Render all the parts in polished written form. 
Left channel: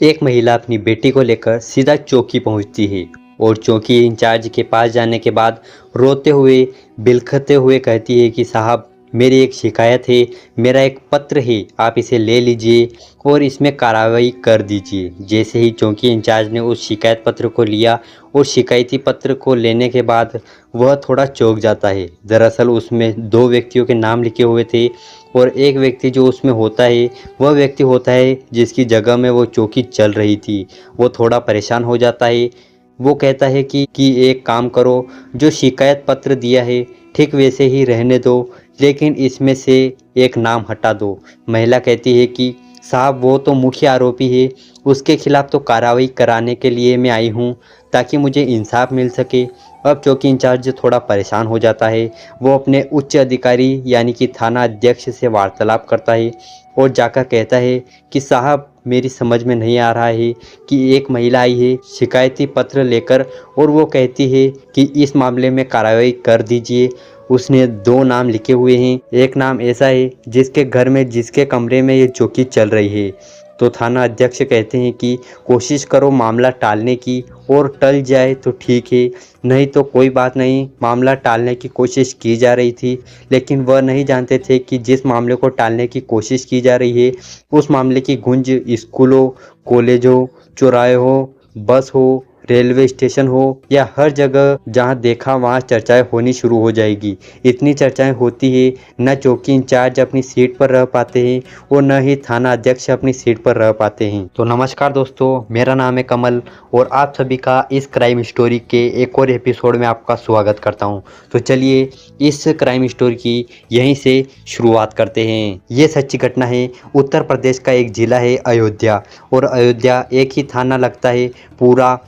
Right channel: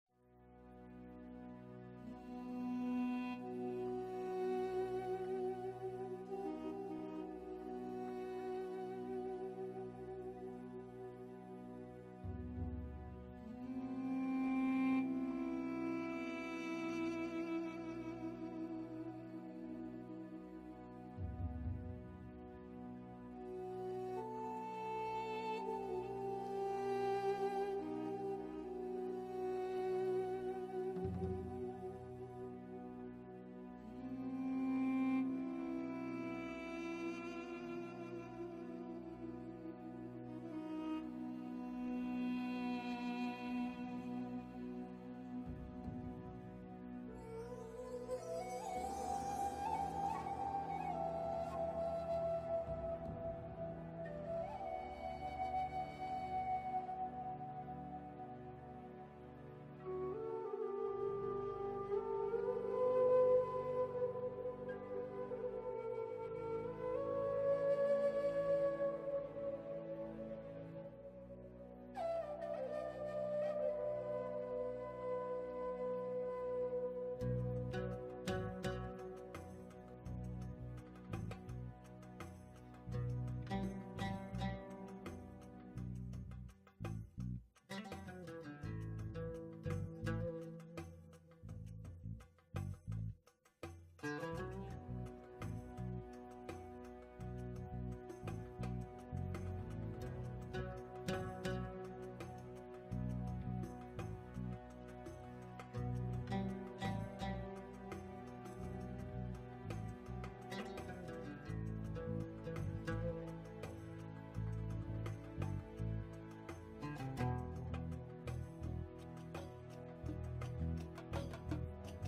एक महिला अपनी बेटी को लेकर सीधा चौकी पहुंचती है और चौकी इंचार्ज के पास जाने के बाद रोते हुए बिलखते हुए कहती है कि साहब, मेरी एक शिकायत है। मेरा एक पत्र है, आप इसे ले लीजिए और इसमें कार्रवाई कर दीजिए। जैसे ही चौकी इंचार्ज ने उस शिकायत पत्र को लिया और शिकायती पत्र को लेने के बाद वह थोड़ा चौंक जाता है। दरअसल उसमें दो व्यक्तियों के नाम लिखे हुए थे और एक व्यक्ति जो उसमें होता है वह व्यक्ति होता है जिसकी जगह में वो चौकी चल रही थी। वो थोड़ा परेशान हो जाता है। वो कहता है कि एक काम करो, जो शिकायत पत्र दिया है ठीक वैसे ही रहने दो, लेकिन इसमें से एक नाम हटा दो। महिला कहती है कि साहब, वो तो मुख्य आरोपी है, उसके खिलाफ तो कार्रवाई कराने के लिए मैं आई हूँ ताकि मुझे इंसाफ मिल सके। अब चौकी इंचार्ज थोड़ा परेशान हो जाता है। वो अपने उच्च अधिकारी यानी कि थाना अध्यक्ष से वार्तालाप करता है और जाकर कहता है कि साहब, मेरी समझ में नहीं आ रहा है कि एक महिला आई है शिकायती पत्र लेकर और वो कहती है कि इस मामले में कार्रवाई कर दीजिए। उसने दो नाम लिखे हुए हैं, एक नाम ऐसा है जिसके घर में जिसके कमरे में ये चौकी चल रही है। तो थाना अध्यक्ष कहते हैं कि कोशिश करो मामला टालने की, और टल जाए तो ठीक है, नहीं तो कोई बात नहीं। मामला टालने की कोशिश की जा रही थी, लेकिन वह नहीं जानते थे कि जिस मामले को टालने की कोशिश की जा रही है उस मामले की गूंज स्कूलों, कॉलेजों, चौराहों, बस हो, रेलवे स्टेशन हो या हर जगह जहां देखा वहां चर्चाएं होनी शुरू हो जाएगी। इतनी चर्चाएं होती है, न चौकी इंचार्ज अपनी सीट पर रह पाते हैं और न ही थाना अध्यक्ष अपनी सीट पर रह पाते हैं। तो नमस्कार दोस्तों, मेरा नाम है कमल और आप सभी का इस क्राइम स्टोरी के एक और एपिसोड में आपका स्वागत करता हूं। तो चलिए इस क्राइम स्टोरी की यहीं से शुरुआत करते हैं। ये सच्ची घटना है। उत्तर प्रदेश का एक जिला है अयोध्या, और अयोध्या एक ही थाना लगता है, पूरा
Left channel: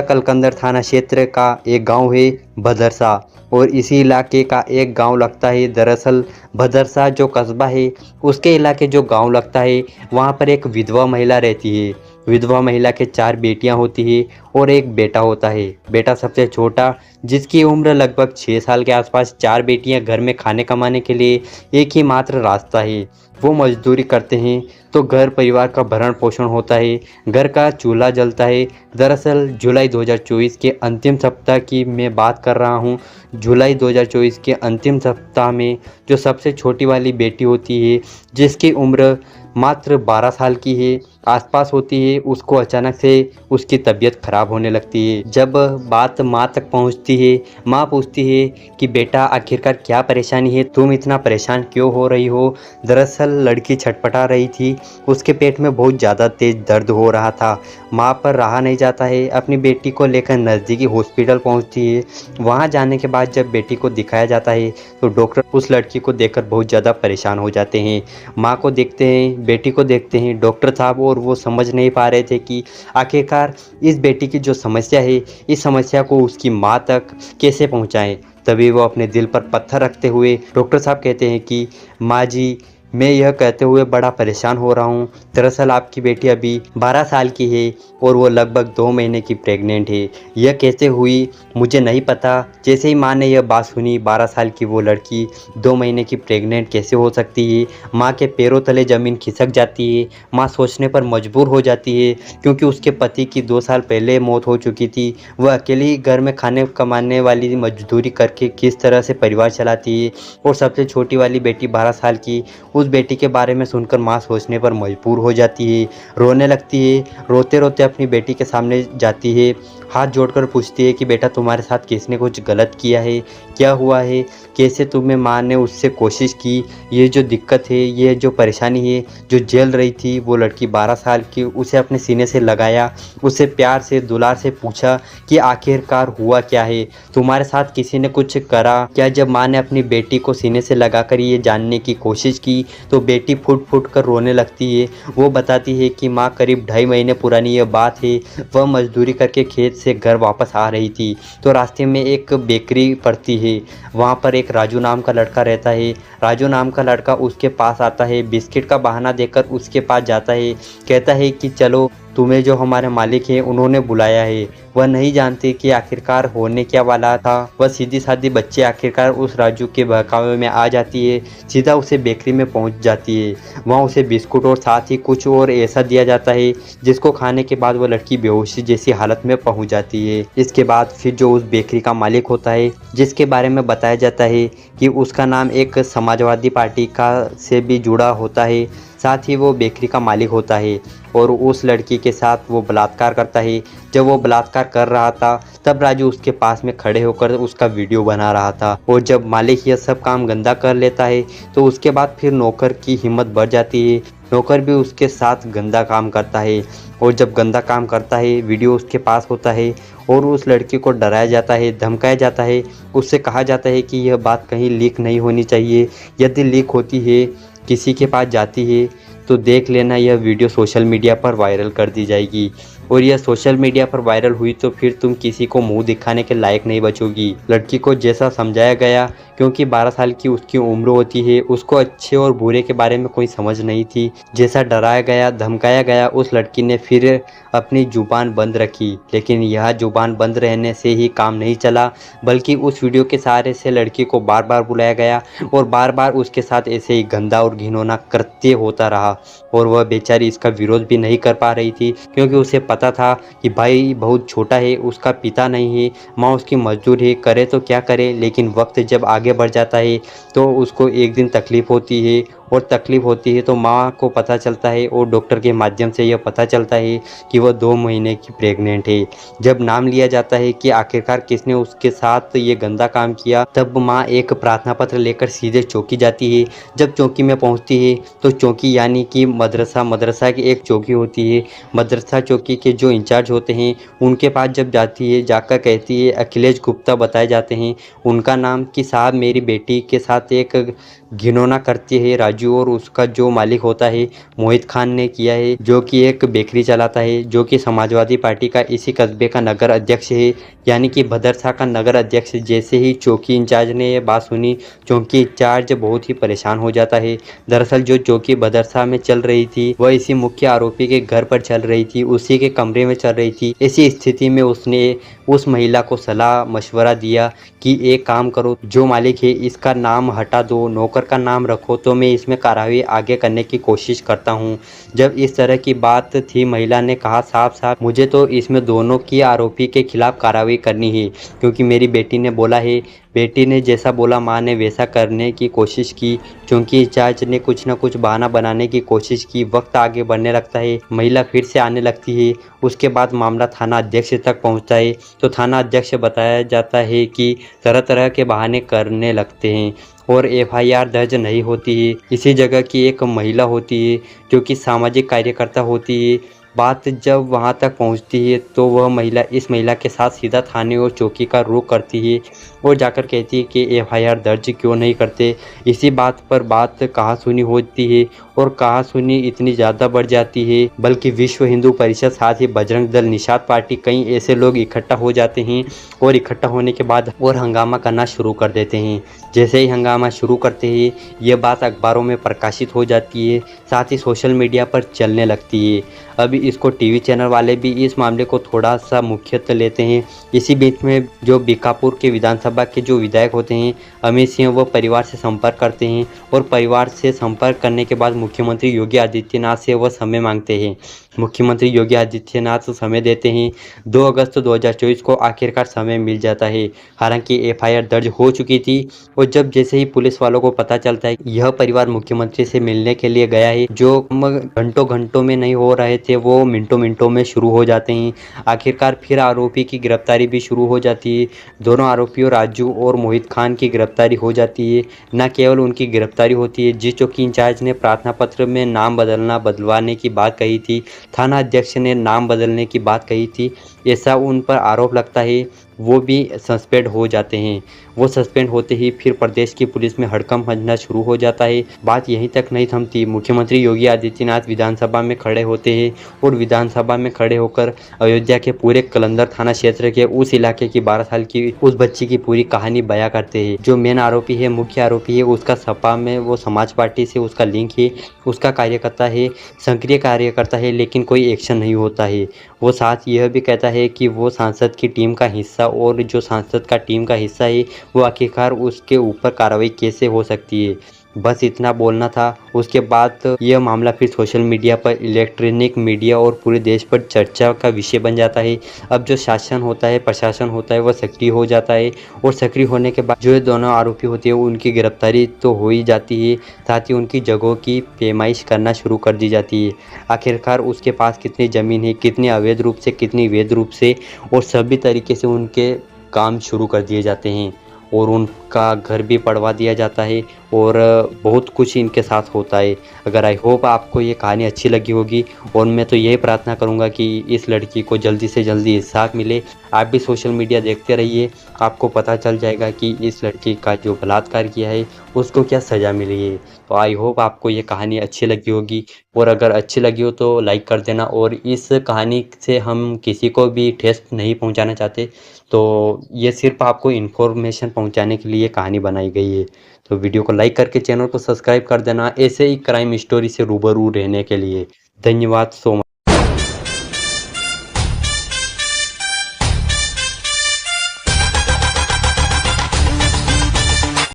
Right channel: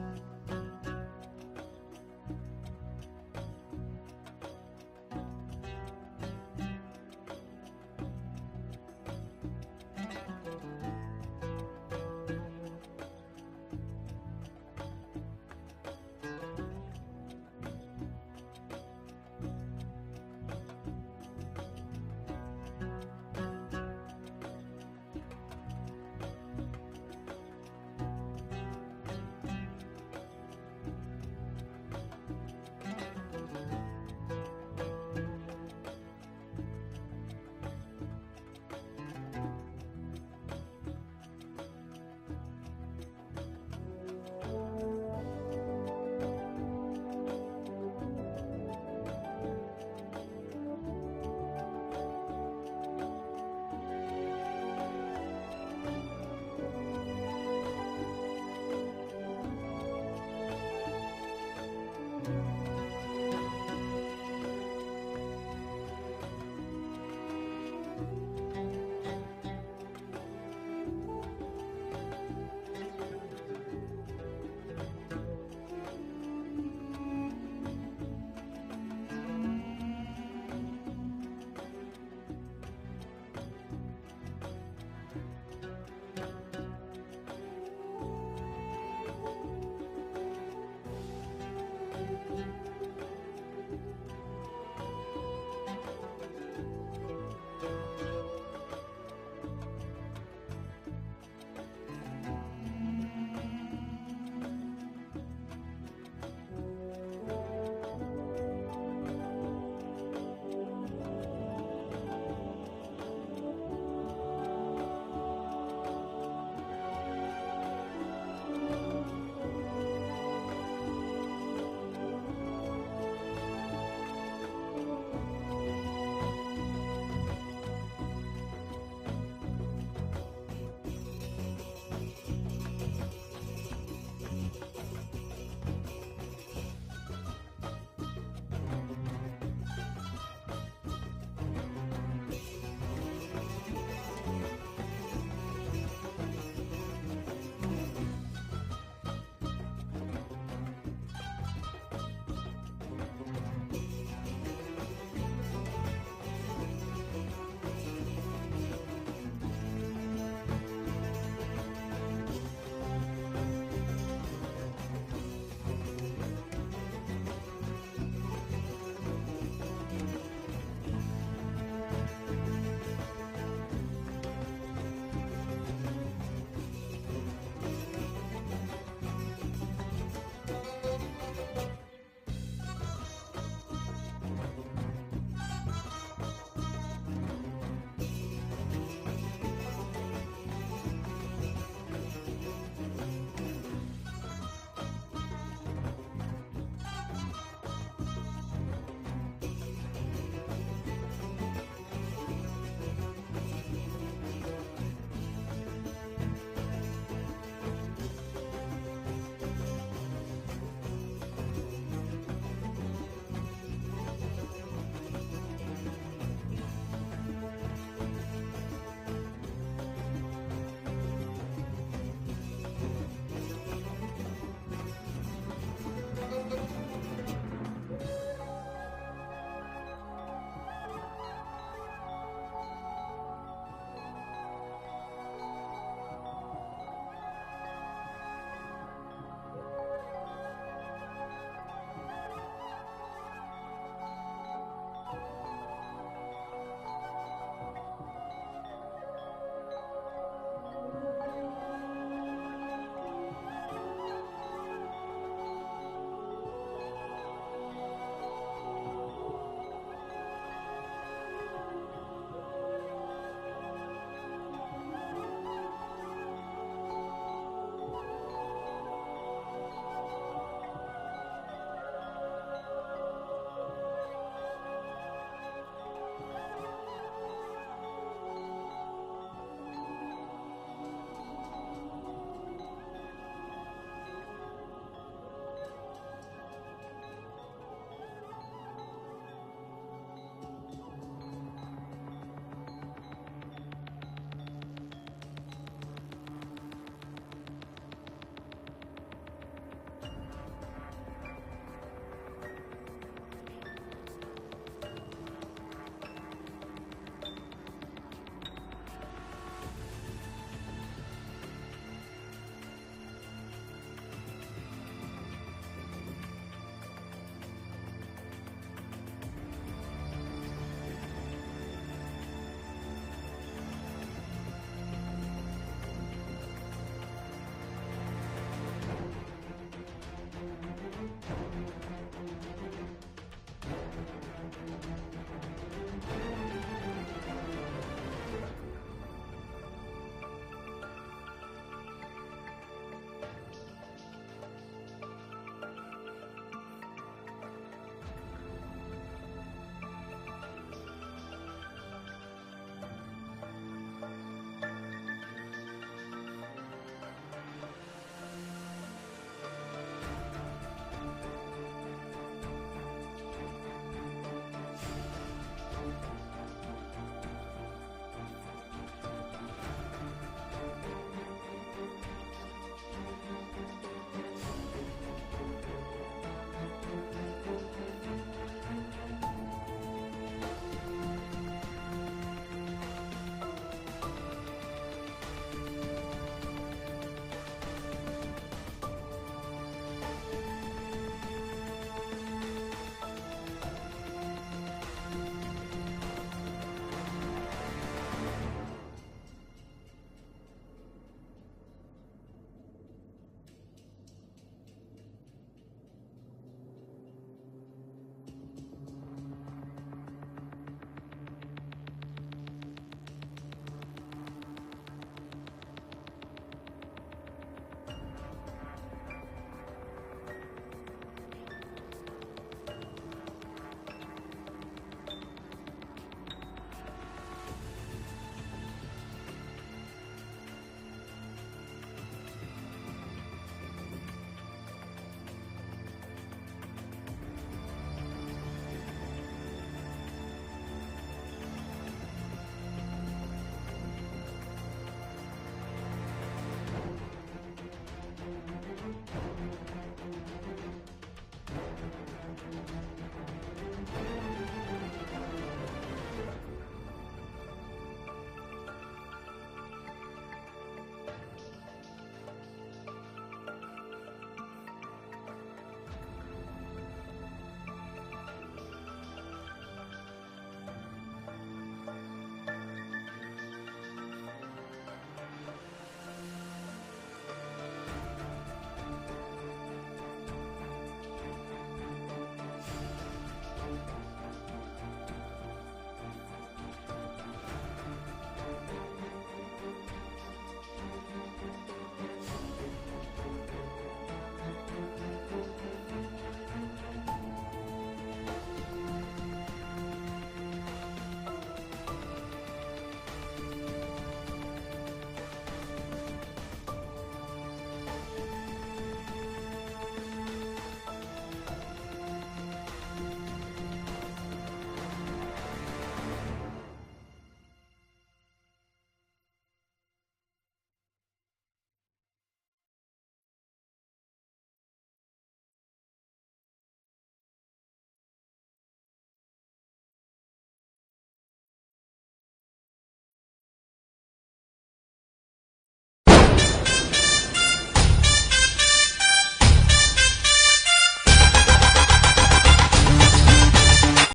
कलकंदर थाना क्षेत्र का एक गांव है भदरसा, और इसी इलाके का एक गांव लगता है। दरअसल भदरसा जो कस्बा है उसके इलाके जो गांव लगता है वहां पर एक विधवा महिला रहती है। विधवा महिला के चार बेटियां होती है और एक बेटा होता है। बेटा सबसे छोटा, जिसकी उम्र लगभग 6 साल के आसपास। चार बेटियां घर में खाने कमाने के लिए एक ही मात्र रास्ता है, वो मजदूरी करते हैं तो घर परिवार का भरण पोषण होता है, घर का चूल्हा जलता है। दरअसल जुलाई 2024 के अंतिम सप्ताह की मैं बात कर रहा हूँ। जुलाई 2024 के अंतिम सप्ताह में जो सबसे छोटी वाली बेटी होती है, जिसकी उम्र मात्र 12 साल की है आसपास होती है, उसको अचानक से उसकी तबीयत खराब होने लगती है। जब बात माँ तक पहुँचती है, माँ पूछती है कि बेटा, आखिरकार क्या परेशानी है, तुम इतना परेशान क्यों हो रही हो। दरअसल लड़की छटपटा रही थी, उसके पेट में बहुत ज़्यादा तेज दर्द हो रहा था। माँ पर रहा नहीं जाता है, अपनी बेटी को लेकर नज़दीकी हॉस्पिटल पहुँचती है। वहाँ जाने के बाद जब बेटी को दिखाया जाता है तो डॉक्टर उस लड़की को देखकर बहुत ज़्यादा परेशान हो जाते हैं। माँ को देखते हैं, बेटी को देखते हैं डॉक्टर साहब, और वो समझ नहीं पा रहे थे कि आखिरकार इस बेटी की जो समस्या है, इस समस्या को उसकी माँ तक कैसे पहुँचाएं। तभी वो अपने दिल पर पत्थर रखते हुए डॉक्टर साहब कहते हैं कि माँ जी, मैं यह कहते हुए बड़ा परेशान हो रहा हूँ। दरअसल आपकी बेटी अभी 12 साल की है और वो लगभग 2 महीने की प्रेग्नेंट है। यह कैसे हुई मुझे नहीं पता। जैसे ही माँ ने यह बात सुनी, 12 साल की वो लड़की 2 महीने की प्रेग्नेंट कैसे हो सकती है। माँ के पैरों तले ज़मीन खिसक जाती है। माँ सोचने पर मजबूर हो जाती है, क्योंकि उसके पति की 2 साल पहले मौत हो चुकी थी। वह अकेले ही घर में खाने कमाने वाली मजदूरी करके किस तरह से परिवार चलाती है, और सबसे छोटी वाली बेटी 12 साल की, उस बेटी के बारे में सुनकर माँ सोचने पर मजबूर हो जाती है, रोने लगती है। रोते रोते अपनी बेटी के सामने जाती है, हाथ जोड़कर पूछती है कि बेटा, तुम्हारे साथ किसने कुछ गलत किया है, क्या हुआ है, कैसे तुम्हें माँ ने उससे कोशिश की। ये जो दिक्कत है, ये जो परेशानी है जो झेल रही थी वो लड़की 12 साल की, उसे अपने सीने से लगाया, उसे प्यार से दुलार से पूछा कि आखिरकार हुआ क्या है, तुम्हारे साथ किसी ने कुछ करा क्या। जब माँ ने अपनी बेटी को सीने से लगाकर ये जानने की कोशिश की तो बेटी फुट फुट कर रोने लगती है। वो बताती है कि माँ, करीब 2.5 महीने पुरानी यह बात है। वह मजदूरी करके खेत से घर वापस आ रही थी तो रास्ते में एक बेकरी पड़ती है। वहाँ पर एक राजू नाम का लड़का रहता है। राजू नाम का लड़का उसके पास आता है, बिस्किट का बहाना देकर उसके पास जाता है, कहता है कि चलो तुम्हें जो हमारे मालिक हैं उन्होंने बुलाया है। वह नहीं जानती कि आखिरकार होने क्या वाला था। वह सीधी सादी बच्ची आखिरकार उस राजू के बहकावे में आ जाती है, सीधा उसे बेकरी में पहुंच जाती है। वहाँ उसे बिस्कुट और साथ ही कुछ और ऐसा दिया जाता है जिसको खाने के बाद वह लड़की बेहोशी जैसी हालत में पहुंच जाती है। इसके बाद फिर जो उस बेकरी का मालिक होता है, जिसके बारे में बताया जाता है कि उसका नाम एक समाजवादी पार्टी का से भी जुड़ा होता है, साथ ही वो बेकरी का मालिक होता है और उस लड़की के साथ वो बलात्कार करता है। जब वो बलात्कार कर रहा था तब राजू उसके पास में खड़े होकर उसका वीडियो बना रहा था। और जब मालिक यह सब काम गंदा कर लेता है तो उसके बाद फिर नौकर की हिम्मत बढ़ जाती है। नौकर भी उसके साथ गंदा काम करता है और जब गंदा काम करता है वीडियो उसके पास होता है और उस लड़की को डराया जाता है, धमकाया जाता है। उससे कहा जाता है कि यह बात कहीं लीक नहीं होनी चाहिए। यदि लीक होती है, किसी के पास जाती है तो देख लेना, यह वीडियो सोशल मीडिया पर वायरल कर दी जाएगी और यह सोशल मीडिया पर वायरल हुई तो फिर तुम किसी को मुंह दिखाने के लायक नहीं बचोगी। लड़की को जैसा समझाया गया, क्योंकि 12 साल की उसकी उम्र होती है, उसको अच्छे और बुरे के बारे में कोई समझ नहीं थी। जैसा डराया गया, धमकाया गया, उस लड़की ने फिर अपनी जुबान बंद रखी। लेकिन यह जुबान बंद रहने से ही काम नहीं चला, बल्कि उस वीडियो के सहारे से लड़की को बार बार बुलाया गया और बार बार उसके साथ ऐसे ही गंदा और घिनौना कृत्य होता रहा। और वह बेचारी इसका विरोध भी नहीं कर पा रही थी, क्योंकि उसे पता था कि भाई बहुत छोटा है, उसका पिता नहीं है, माँ उसकी मजदूर है, करे तो क्या करे। लेकिन वक्त जब आगे बढ़ जाता है तो उसको एक दिन तकलीफ़ होती है और तकलीफ़ होती है तो माँ को पता चलता है और डॉक्टर के माध्यम से यह पता चलता है कि वह 2 महीने की प्रेग्नेंट है। जब नाम लिया जाता है कि आखिरकार किसने उसके साथ ये गंदा काम किया, तब माँ एक प्रार्थना पत्र लेकर सीधे चौकी जाती है। जब चौकी में पहुँचती है तो चौकी यानी कि मदरसा की एक चौकी होती है। मदरसा चौकी के जो इंचार्ज होते हैं उनके पास जब जाती है, जाकर कहती है, अखिलेश गुप्ता बताए जाते हैं उनका नाम, कि साहब मेरी बेटी के साथ एक घिनौना करती है राजू और उसका जो मालिक होता है मोहित खान ने किया है, जो कि एक बेकरी चलाता है, जो कि समाजवादी पार्टी का इसी कस्बे का नगर अध्यक्ष है, यानी कि भदरसा का नगर अध्यक्ष। जैसे ही चौकी इंचार्ज ने ये बात सुनी, चौकी इंचार्ज बहुत ही परेशान हो जाता है। दरअसल जो चौकी भदरसा में चल रही थी वह इसी मुख्य आरोपी के घर पर चल रही थी, उसी के कमरे में चल रही थी। इसी स्थिति में उसने उस महिला को सलाह मशवरा दिया कि एक काम करो, जो मालिक है इसका नाम हटा दो, नौकर का नाम रखो, तो मैं इसमें कार्रवाई आगे करने की कोशिश करता हूँ। जब इस तरह की बात थी, महिला ने कहा साफ साफ मुझे तो इसमें दोनों की आरोपी के खिलाफ कार्रवाई करनी है, क्योंकि मेरी बेटी ने बोला है। बेटी ने जैसा बोला माँ ने वैसा करने की कोशिश की। क्योंकि इंचार्ज ने कुछ न कुछ बहाना बनाने की कोशिश की। वक्त आगे बढ़ने लगता है, महिला फिर से आने लगती है। उसके बाद मामला थाना अध्यक्ष तक पहुंचता है तो थाना अध्यक्ष बताया जाता है कि तरह तरह के बहाने करने लगते हैं और एफआईआर दर्ज नहीं होती है। इसी जगह की एक महिला होती है जो कि सामाजिक कार्यकर्ता होती है। बात जब वहां तक पहुंचती है तो वह महिला इस महिला के साथ सीधा थाने और चौकी का रुख करती है और जाकर कहती है कि एफआईआर दर्ज क्यों नहीं करते। इसी बात पर बात कहा सुनी होती है और कहा सुनी इतनी ज़्यादा बढ़ जाती है, बल्कि विश्व हिंदू परिषद साथ ही बजरंग दल, निषाद पार्टी, कई ऐसे लोग इकट्ठा हो जाते हैं और इकट्ठा होने के बाद और हंगामा करना शुरू कर देते हैं। जैसे ही हंगामा शुरू करते हैं ये बात अखबारों में प्रकाशित हो जाती है, साथ ही सोशल मीडिया पर चलने लगती है। अभी इसको टीवी चैनल वाले भी इस मामले को थोड़ा सा मुख्यत्व लेते हैं। इसी बीच में जो बीकापुर के विधानसभा के जो विधायक होते हैं अमित सिंह, वो परिवार से संपर्क करते हैं और परिवार से संपर्क करने के बाद मुख्यमंत्री योगी आदित्यनाथ से वह समय मांगते हैं। मुख्यमंत्री योगी आदित्यनाथ समय देते हैं। 2 अगस्त 2024 को आखिरकार समय मिल जाता है। हालांकि एफआईआर दर्ज हो चुकी थी और जब जैसे ही पुलिस वालों को पता चलता है कि यह परिवार मुख्यमंत्री से मिलने के लिए गया है, जो घंटों घंटों में नहीं हो रहे थे वो मिनटों मिनटों में शुरू हो जाते हैं। आखिरकार फिर आरोपी की गिरफ्तारी भी शुरू हो जाती है। दोनों आरोपियों राजू और मोहित खान की गिरफ्तारी हो जाती है। न केवल उनकी गिरफ्तारी होती है, जिस चौकी इंचार्ज ने प्रार्थना पत्र में नाम बदलवाने की बात कही थी, थाना अध्यक्ष ने नाम बदलने की बात कही थी, ऐसा उन पर आरोप लगता है। वो भी सस्पेंड हो जाते हैं। वो सस्पेंड होते ही फिर प्रदेश की पुलिस में हड़कंप मचना शुरू हो जाता है। बात यहीं तक नहीं थमती, मुख्यमंत्री योगी आदित्यनाथ विधानसभा में खड़े होते हैं और विधानसभा में खड़े होकर अयोध्या के पूरे कलंदर थाना क्षेत्र के उस इलाके की 12 साल की उस बच्ची की पूरी कहानी बयां करते हैं। जो मेन आरोपी है, मुख्य आरोपी है, उसका सपा में वो समाज पार्टी से उसका लिंक है, उसका कार्यकर्ता है, सक्रिय कार्यकर्ता है, लेकिन कोई एक्शन नहीं होता है। वो साथ यह भी कहता है कि वो सांसद की टीम का हिस्सा, और जो सांसद का टीम का हिस्सा है वो आखिरकार उसके ऊपर कार्रवाई कैसे हो सकती है। बस इतना बोलना था। उसके बाद यह मामला फिर सोशल मीडिया पर, इलेक्ट्रॉनिक मीडिया और पूरे देश पर चर्चा का विषय बन जाता है। अब जो शासन होता है, प्रशासन होता है, वह सक्रिय हो जाता है, और सक्रिय होने के बाद जो ये दोनों आरोपी होते हैं उनकी गिरफ्तारी तो हो ही जाती है, साथ ही उनकी जगहों की पैमाइश करना शुरू कर दी जाती है। आखिरकार उसके पास कितनी ज़मीन है, कितनी अवैध रूप से, कितनी वैध रूप से, और सभी तरीके से उनके काम शुरू कर दिए जाते हैं, और उनका घर भी पड़वा दिया जाता है, और बहुत कुछ इनके साथ होता है। अगर आई होप आपको ये कहानी अच्छी लगी होगी, और मैं तो यही प्रार्थना करूँगा कि इस लड़की को जल्दी से जल्दी इंसाफ मिले। आप भी सोशल मीडिया देखते रहिए, आपको पता चल जाएगा कि इस लड़की का जो बलात्कार किया है उसको क्या सज़ा मिली है। तो आई होप आपको ये कहानी अच्छी लगी होगी, और अगर अच्छी लगी हो तो लाइक कर देना। और इस कहानी से हम किसी को भी ठेस नहीं पहुंचाना चाहते, तो ये सिर्फ आपको इन्फॉर्मेशन पहुंचाने के लिए कहानी बनाई गई है। तो वीडियो को लाइक करके चैनल को सब्सक्राइब कर देना, ऐसे ही क्राइम स्टोरी से रूबरू रहने के लिए। धन्यवाद सो मच।